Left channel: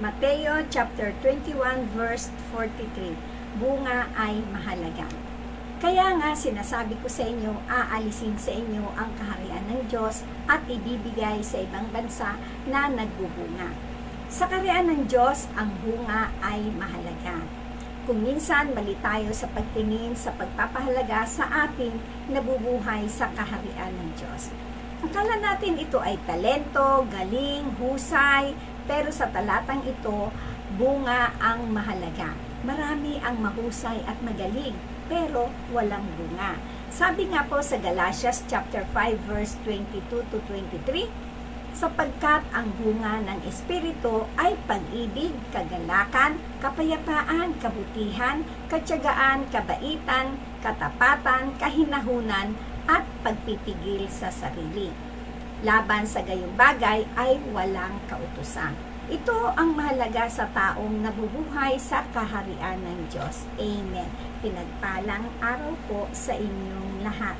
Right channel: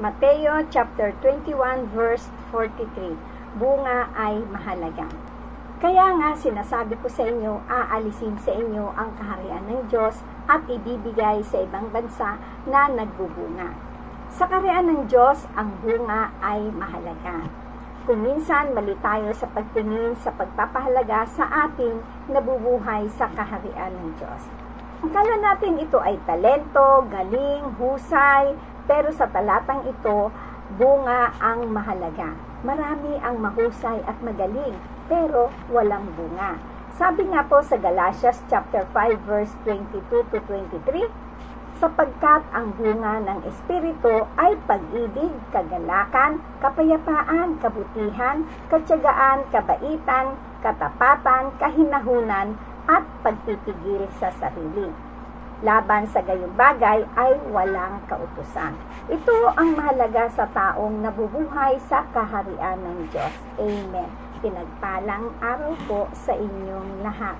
Mateo chapter 21 verse 43. Bunga ay mahalaga. Kaya nga sinasabi ko sa inyo, aalisin sa inyo ang kaharian ng Diyos at ibibigay sa ibang bansa na nagbubunga. Sa kaharian ng Diyos, ang bunga ay mahalaga. Kung minsan mali tayo sa pagtingin sa pagpapahalaga sa ating nabubuhay sa kaharian ng Diyos. Akala natin ito ay talento, galing, husay, pero sa talatang ito, bunga ang mahalaga. Marami ang mahusay at magaling, pero walang bunga. Sabi nga po sa Galatians chapter 5 verse 22 to 23, sapagkat ang bunga ng Espiritu ay pag-ibig, kagalakan, kapayapaan, kabutihan, katyagaan, kabaitan, katapatan, kahinahunan, at pagpipigil sa sarili. Laban sa gayong bagay ay walang kautusan. Ito ang mahalaga sa taong nabubuhay sa kaharian ng Diyos. Amen. Pinagpalang araw po sa inyong lahat.